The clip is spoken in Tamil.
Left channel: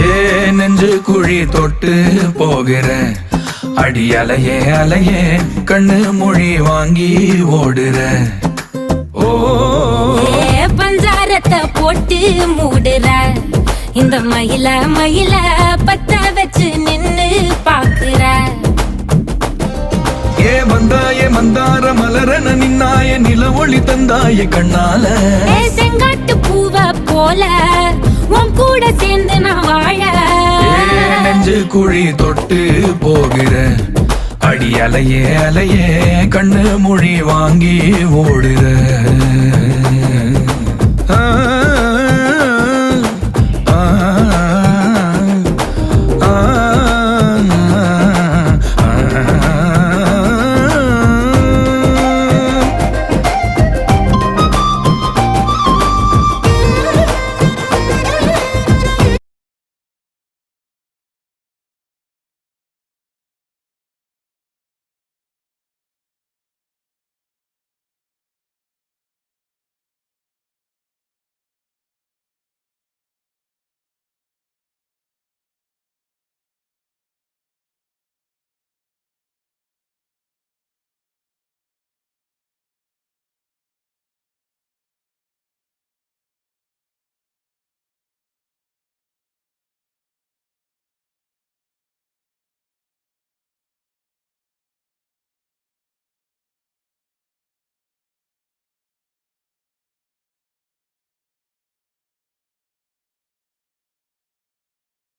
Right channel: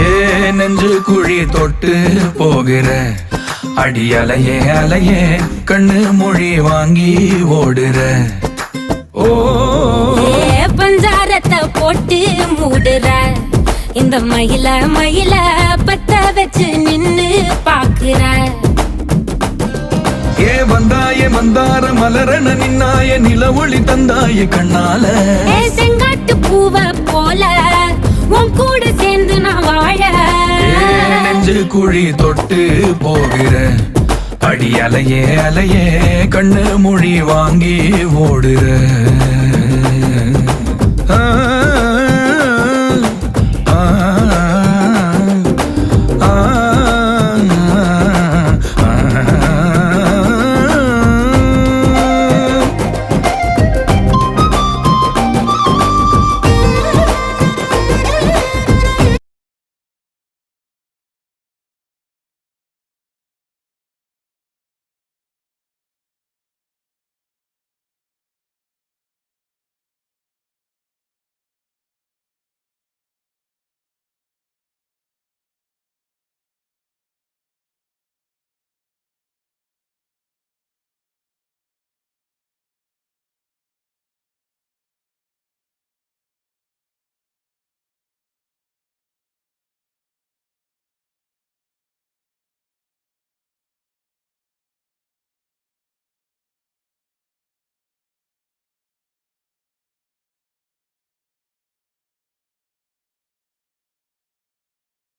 ஏ நெஞ்சு குழி தொட்டு போகிற அடி அலையே அலையே கண்ணு மொழி வாங்கி ஓடுற. ஓ பஞ்சாரத்தை போட்டு மூடுற இந்த மயில மயில பத்த வச்சு நின்னு பாக்குற. ஏ வந்தாய மந்தார மலரன நின்னாய நில ஒளி தந்தாய கண்ணால. செங்காட்டு பூவ போல உன் கூட சேர்ந்து நான் வாழ. நெஞ்சு குழி தொட்டு போகிற அடி அலையே அலையே கண்ணு மொழி வாங்கி ஓடுற. ஆ ஆ